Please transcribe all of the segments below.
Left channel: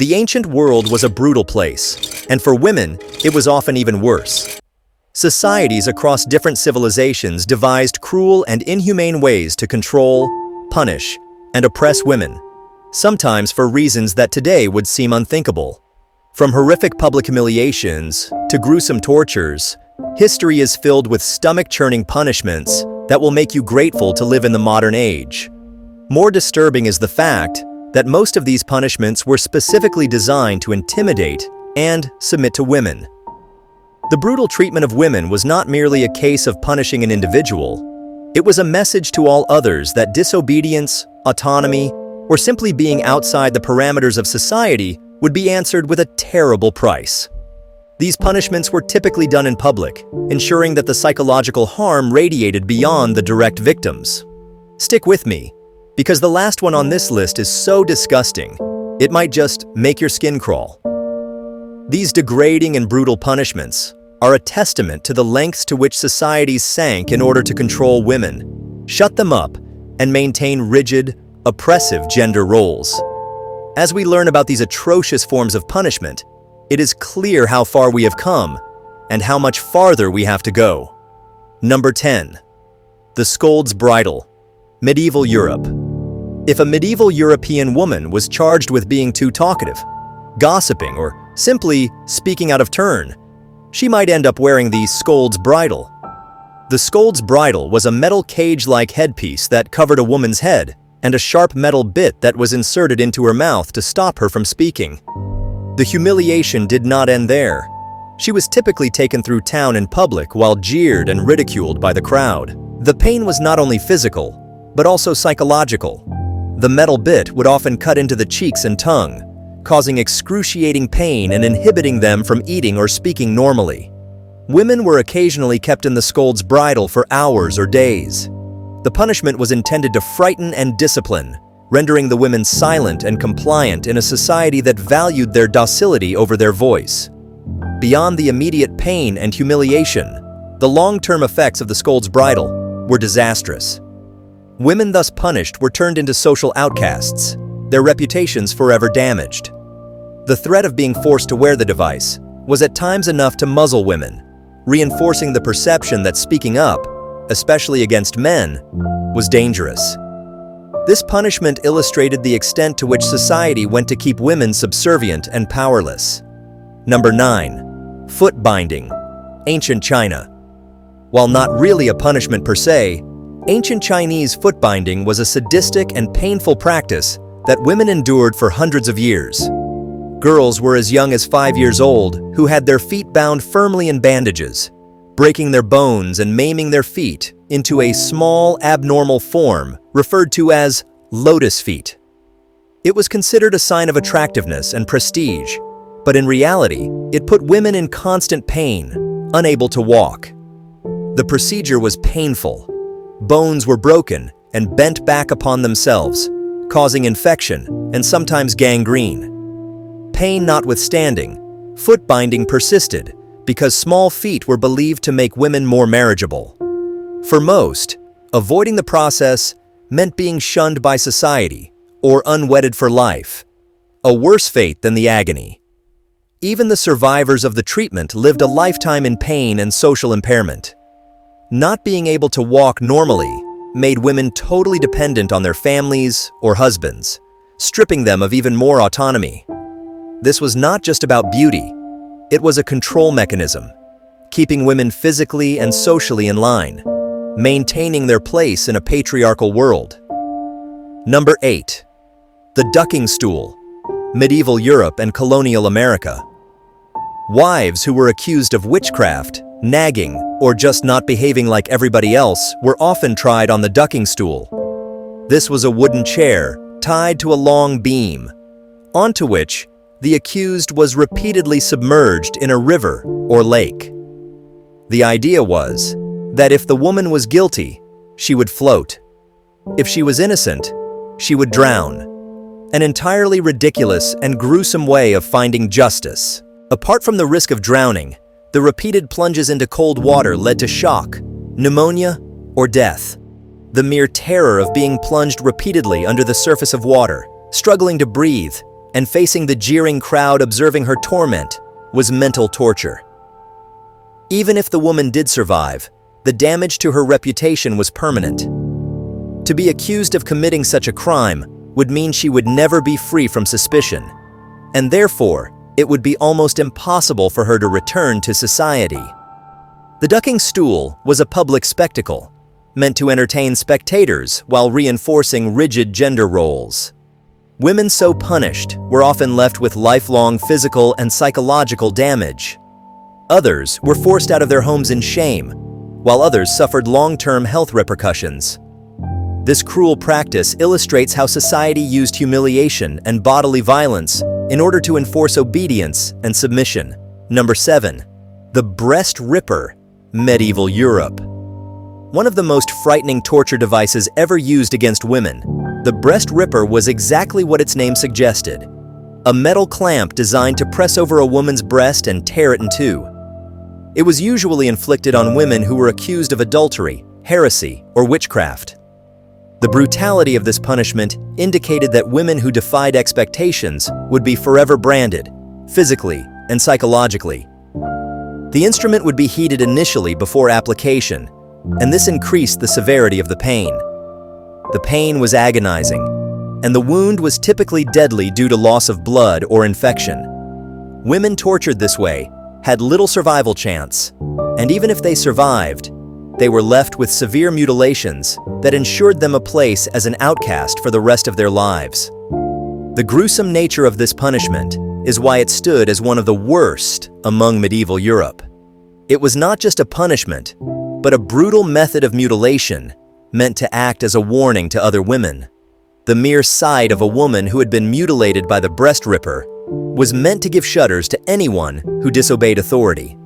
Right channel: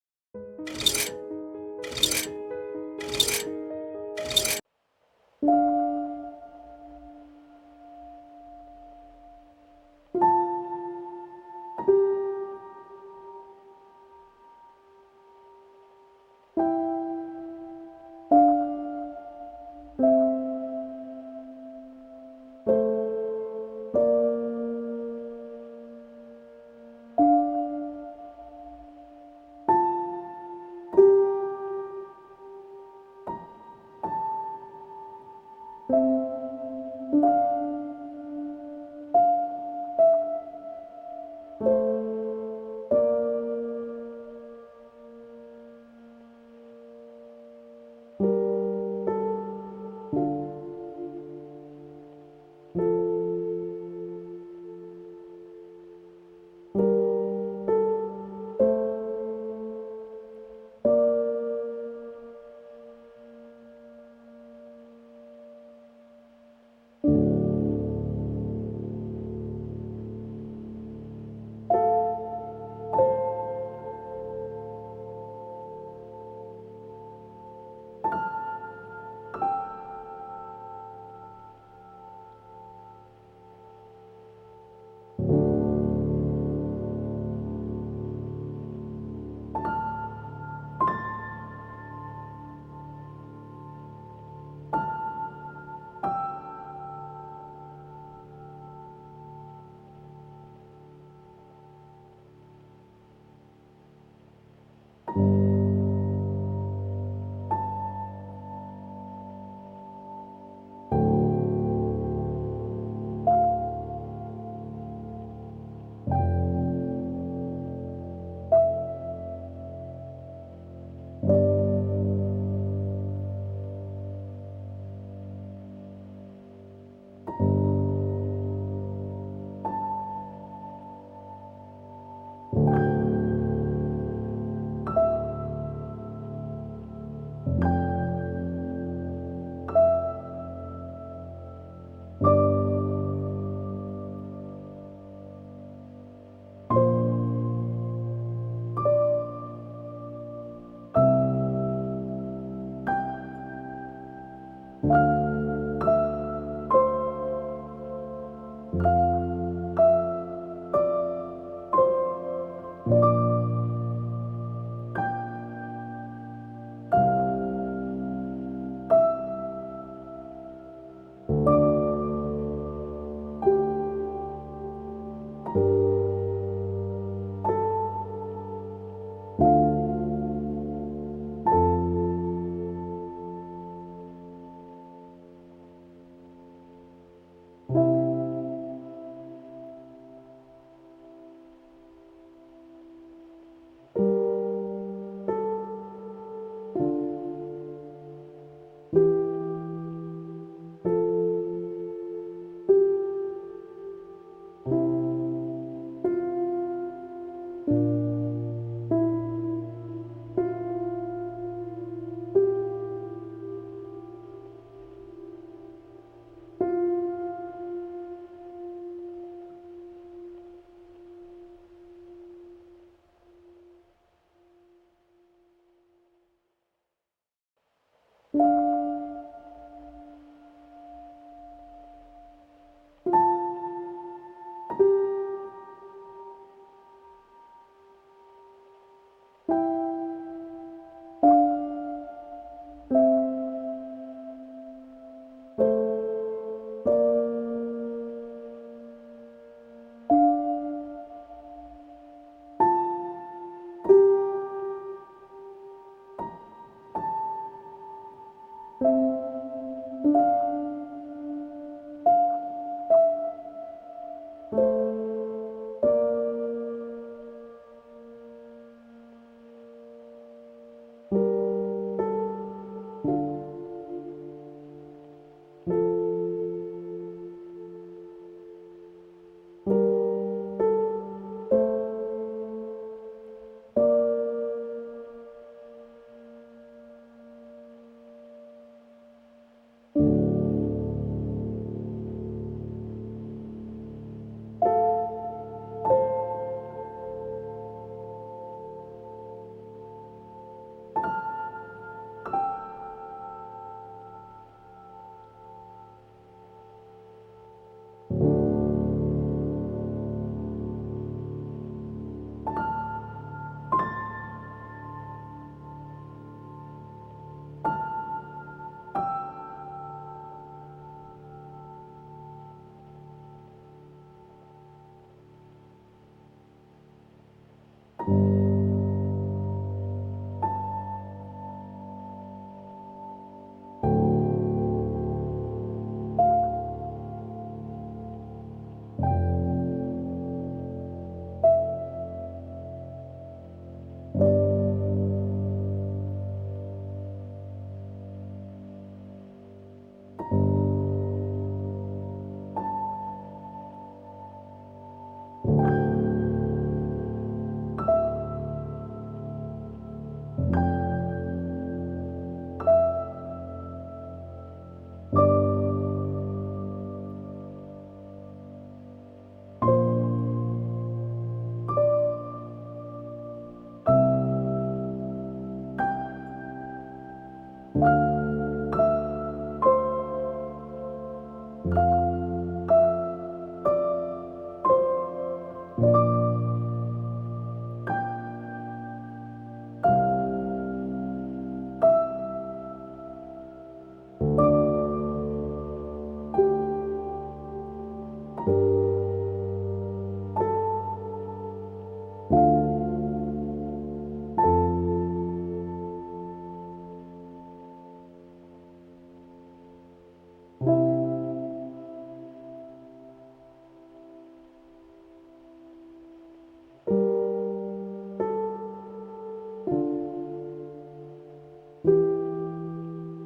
The ancient world was a brutal place, and for women, it was often even worse. Societies across different civilizations devised cruel and inhumane ways to control, punish, and oppress women, sometimes for reasons that today would seem unthinkable. From horrific public humiliations to gruesome tortures, history is filled with stomach-churning punishments that will make you grateful to live in the modern age. More disturbing is the fact that most of these punishments were specifically designed to intimidate and submit to women. The brutal treatment of women was not merely a case of punishing an individual. It was a message to all others that disobedience, autonomy, or simply being outside the parameters of society would be answered with a terrible price. These punishments were typically done in public, ensuring that the psychological harm radiated beyond the direct victims. Stick with me, because the last one on this list is so disgusting, it might just make your skin crawl. These degrading and brutal punishments are a testament to the lengths to which societies sank in order to control women, shut them up, and maintain rigid, oppressive gender roles. As we learn about these atrocious forms of punishment, it is clear how far we have come and how much farther we have to go. Number 10. The Scold's Bridle, Medieval Europe. If a medieval European woman was charged with being too talkative, gossiping, or simply speaking out of turn, she might end up wearing the Scold's Bridle. The Scold's Bridle was a metal cage-like headpiece that covered a woman's head and a sharp metal bit that was inserted into her mouth to stop her from speaking. The humiliation did not end there. She was typically taken through town in public while jeered and ridiculed by the crowd. The pain was not only physical, but also psychological. The metal bit would often cut into the cheeks and tongue, causing excruciating pain and inhibiting them from eating or speaking normally. Women were occasionally kept in the Scold's Bridle for hours or days. The punishment was intended to frighten and discipline, rendering the women silent and compliant in a society that valued their docility over their voice. Beyond the immediate pain and humiliation, the long-term effects of the Scold's Bridle were disastrous. Women thus punished were turned into social outcasts, their reputations forever damaged. The threat of being forced to wear the device was at times enough to muzzle women, reinforcing the perception that speaking up, especially against men, was dangerous. This punishment illustrated the extent to which society went to keep women subservient and powerless. Number 9. Foot binding, Ancient China. While not really a punishment per se, ancient Chinese foot binding was a sadistic and painful practice that women endured for hundreds of years. Girls were as young as 5 years old who had their feet bound firmly in bandages, breaking their bones and maiming their feet into a small, abnormal form referred to as lotus feet. It was considered a sign of attractiveness and prestige, but in reality, it put women in constant pain, unable to walk. The procedure was painful. Bones were broken and bent back upon themselves, causing infection and sometimes gangrene. Pain notwithstanding, foot binding persisted because small feet were believed to make women more marriageable. For most, avoiding the process meant being shunned by society or unwedded for life, a worse fate than the agony. Even the survivors of the treatment lived a lifetime in pain and social impairment. Not being able to walk normally made women totally dependent on their families or husbands, stripping them of even more autonomy. This was not just about beauty, it was a control mechanism, keeping women physically and socially in line, maintaining their place in a patriarchal world. Number 8. The ducking stool, Medieval Europe and colonial America. Wives who were accused of witchcraft, nagging, or just not behaving like everybody else were often tried on the ducking stool. This was a wooden chair tied to a long beam, onto which the accused was repeatedly submerged in a river or lake. The idea was that if the woman was guilty, she would float. If she was innocent, she would drown. An entirely ridiculous and gruesome way of finding justice. Apart from the risk of drowning, the repeated plunges into cold water led to shock, pneumonia, or death. The mere terror of being plunged repeatedly under the surface of water, struggling to breathe, and facing the jeering crowd observing her torment was mental torture. Even if the woman did survive, the damage to her reputation was permanent. To be accused of committing such a crime would mean she would never be free from suspicion, and therefore, it would be almost impossible for her to return to society. The ducking stool was a public spectacle, meant to entertain spectators while reinforcing rigid gender roles. Women so punished were often left with lifelong physical and psychological damage. Others were forced out of their homes in shame, while others suffered long-term health repercussions. This cruel practice illustrates how society used humiliation and bodily violence in order to enforce obedience and submission. Number 7. The breast ripper, medieval Europe. One of the most frightening torture devices ever used against women, the breast ripper was exactly what its name suggested: a metal clamp designed to press over a woman's breast and tear it in two. It was usually inflicted on women who were accused of adultery, heresy, or witchcraft. The brutality of this punishment indicated that women who defied expectations would be forever branded, physically and psychologically. The instrument would be heated initially before application, and this increased the severity of the pain. The pain was agonizing, and the wound was typically deadly due to loss of blood or infection. Women tortured this way had little survival chance, and even if they survived, they were left with severe mutilations that ensured them a place as an outcast for the rest of their lives. The gruesome nature of this punishment is why it stood as one of the worst among medieval Europe. It was not just a punishment, but a brutal method of mutilation meant to act as a warning to other women. The mere sight of a woman who had been mutilated by the breast ripper was meant to give shudders to anyone who disobeyed authority.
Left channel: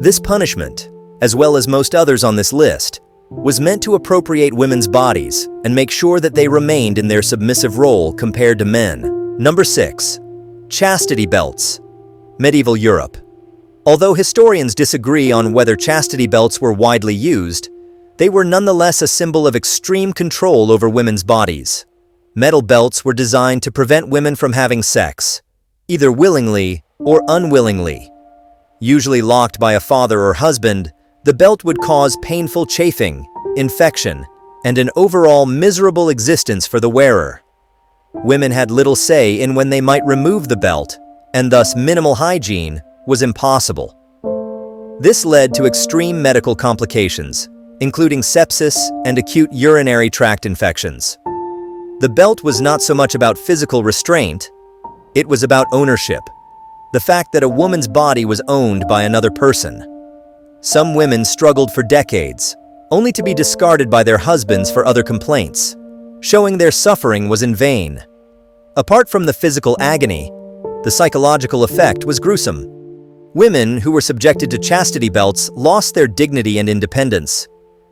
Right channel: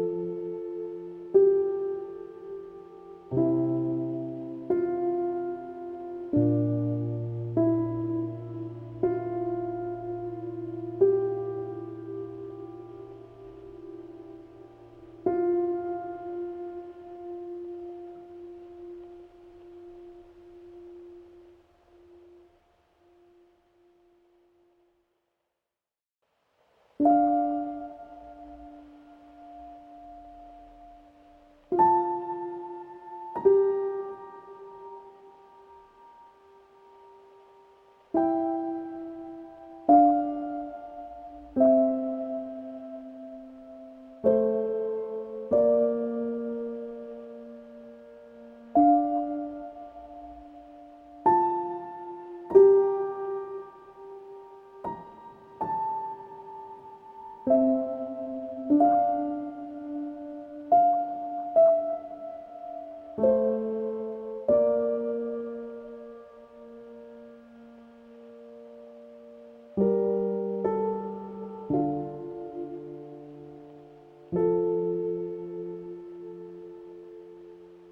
This punishment, as well as most others on this list, was meant to appropriate women's bodies and make sure that they remained in their submissive role compared to men. Number 6. Chastity belts, medieval Europe. Although historians disagree on whether chastity belts were widely used, they were nonetheless a symbol of extreme control over women's bodies. Metal belts were designed to prevent women from having sex, either willingly or unwillingly. Usually locked by a father or husband, the belt would cause painful chafing, infection, and an overall miserable existence for the wearer. Women had little say in when they might remove the belt, and thus minimal hygiene was impossible. This led to extreme medical complications, including sepsis and acute urinary tract infections. The belt was not so much about physical restraint, it was about ownership, the fact that a woman's body was owned by another person. Some women struggled for decades, only to be discarded by their husbands for other complaints, showing their suffering was in vain. Apart from the physical agony, the psychological effect was gruesome. Women who were subjected to chastity belts lost their dignity and independence,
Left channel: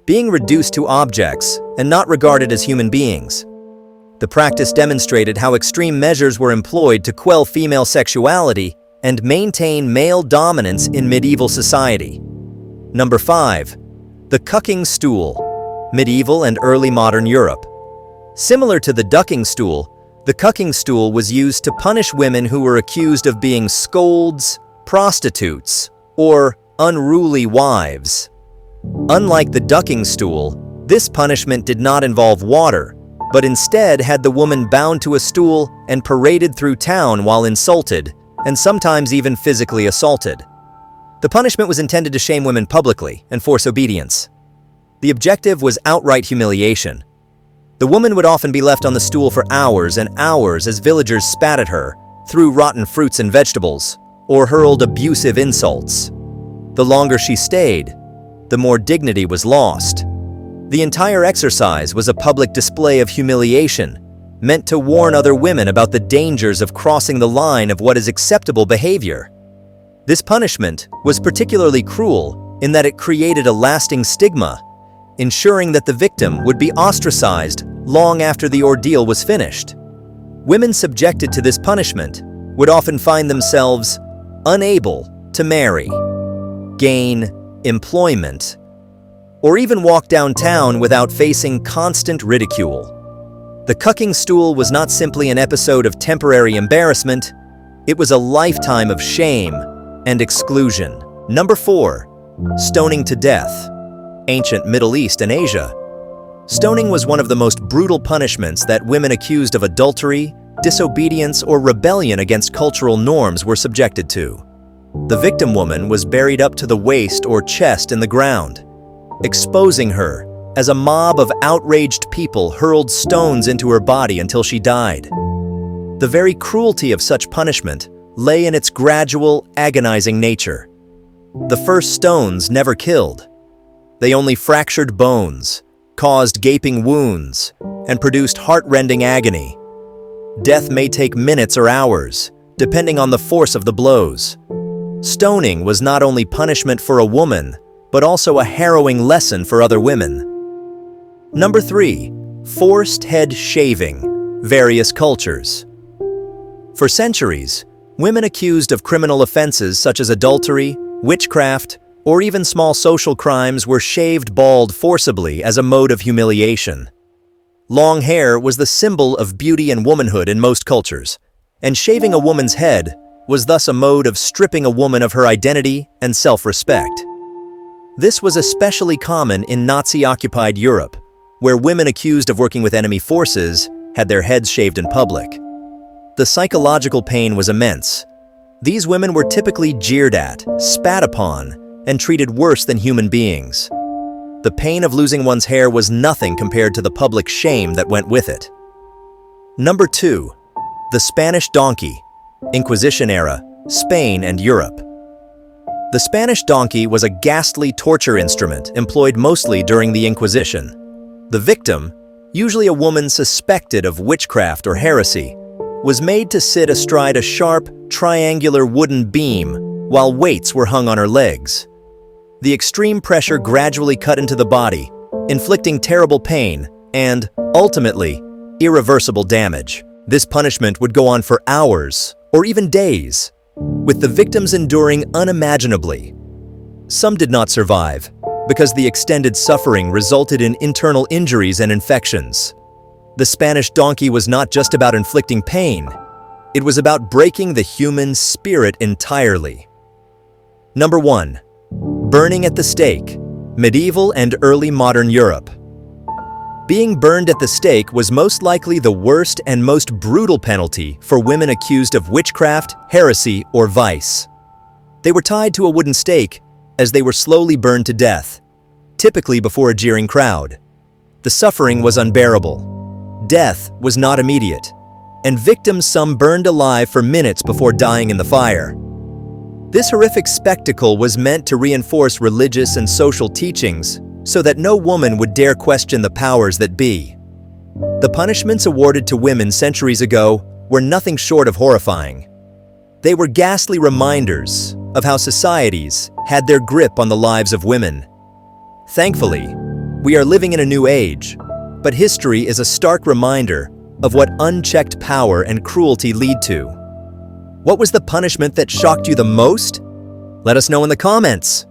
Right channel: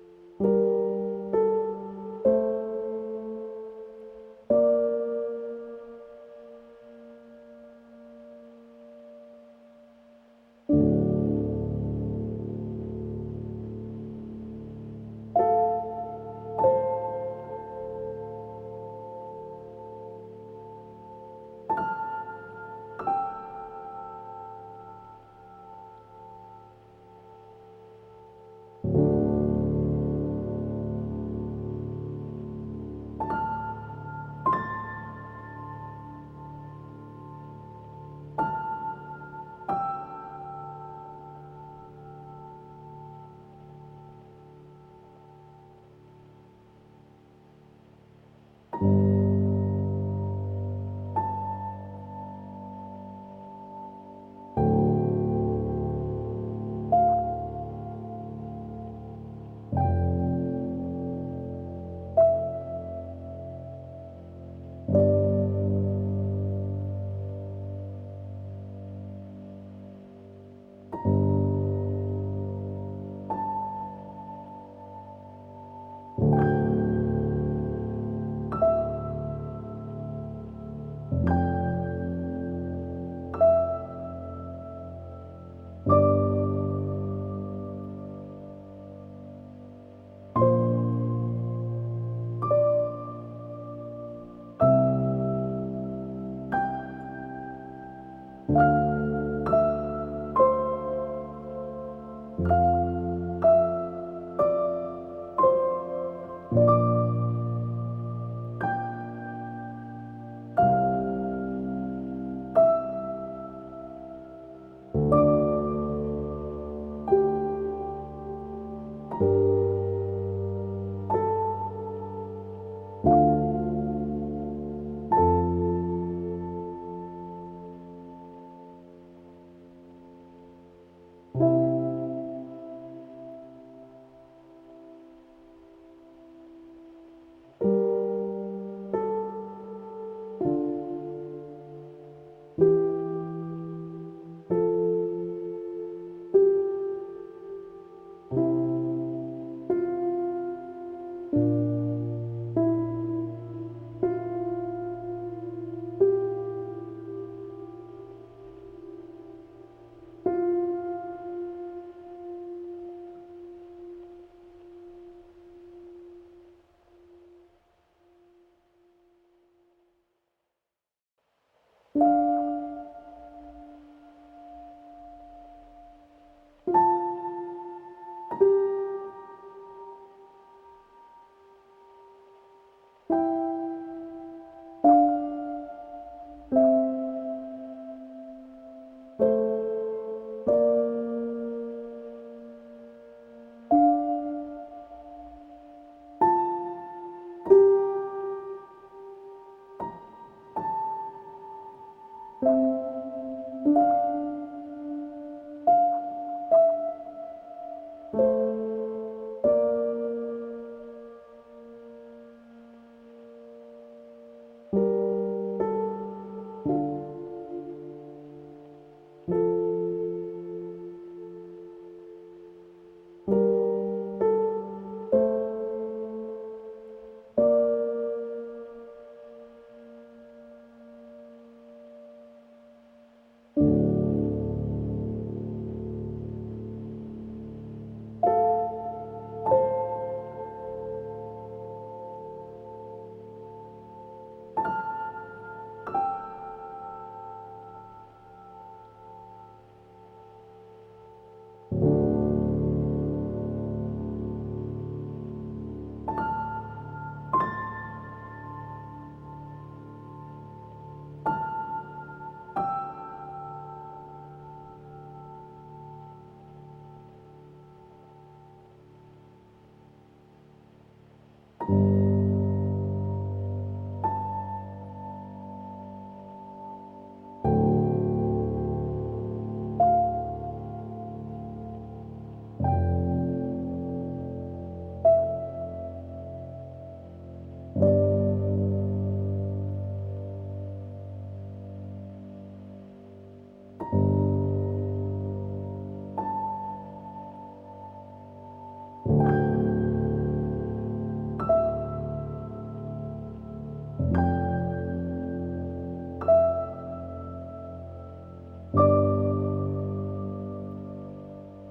being reduced to objects and not regarded as human beings. The practice demonstrated how extreme measures were employed to quell female sexuality and maintain male dominance in medieval society. Number 5. The cucking stool, medieval and early modern Europe. Similar to the ducking stool, the cucking stool was used to punish women who were accused of being scolds, prostitutes, or unruly wives. Unlike the ducking stool, this punishment did not involve water, but instead had the woman bound to a stool and paraded through town while insulted, and sometimes even physically assaulted. The punishment was intended to shame women publicly and force obedience. The objective was outright humiliation. The woman would often be left on the stool for hours and hours as villagers spat at her, threw rotten fruits and vegetables, or hurled abusive insults. The longer she stayed, the more dignity was lost. The entire exercise was a public display of humiliation, meant to warn other women about the dangers of crossing the line of what is acceptable behavior. This punishment was particularly cruel in that it created a lasting stigma, ensuring that the victim would be ostracized long after the ordeal was finished. Women subjected to this punishment would often find themselves unable to marry, gain employment, or even walk downtown without facing constant ridicule. The cucking stool was not simply an episode of temporary embarrassment, it was a lifetime of shame and exclusion. Number 4. Stoning to death. Ancient Middle East and Asia. Stoning was one of the most brutal punishments that women accused of adultery, disobedience, or rebellion against cultural norms were subjected to. The victim woman was buried up to the waist or chest in the ground, exposing her as a mob of outraged people hurled stones into her body until she died. The very cruelty of such punishment lay in its gradual, agonizing nature. The first stones never killed. They only fractured bones, caused gaping wounds, and produced heart-rending agony. Death may take minutes or hours, depending on the force of the blows. Stoning was not only punishment for a woman, but also a harrowing lesson for other women. Number 3. Forced head shaving. Various cultures. For centuries, women accused of criminal offenses such as adultery, witchcraft, or even small social crimes were shaved bald forcibly as a mode of humiliation. Long hair was the symbol of beauty and womanhood in most cultures, and shaving a woman's head was thus a mode of stripping a woman of her identity and self-respect. This was especially common in Nazi-occupied Europe, where women accused of working with enemy forces had their heads shaved in public. The psychological pain was immense. These women were typically jeered at, spat upon, and treated worse than human beings. The pain of losing one's hair was nothing compared to the public shame that went with it. Number 2. The Spanish donkey. Inquisition era, Spain and Europe. The Spanish donkey was a ghastly torture instrument employed mostly during the Inquisition. The victim, usually a woman suspected of witchcraft or heresy, was made to sit astride a sharp, triangular wooden beam while weights were hung on her legs. The extreme pressure gradually cut into the body, inflicting terrible pain and, ultimately, irreversible damage. This punishment would go on for hours or even days, with the victims enduring unimaginably. Some did not survive because the extended suffering resulted in internal injuries and infections. The Spanish donkey was not just about inflicting pain, it was about breaking the human spirit entirely. Number 1. Burning at the stake. Medieval and early modern Europe. Being burned at the stake was most likely the worst and most brutal penalty for women accused of witchcraft, heresy, or vice. They were tied to a wooden stake as they were slowly burned to death, typically before a jeering crowd. The suffering was unbearable. Death was not immediate, and victims some burned alive for minutes before dying in the fire. This horrific spectacle was meant to reinforce religious and social teachings so that no woman would dare question the powers that be. The punishments awarded to women centuries ago were nothing short of horrifying. They were ghastly reminders of how societies had their grip on the lives of women. Thankfully, we are living in a new age, but history is a stark reminder of what unchecked power and cruelty lead to. What was the punishment that shocked you the most? Let us know in the comments.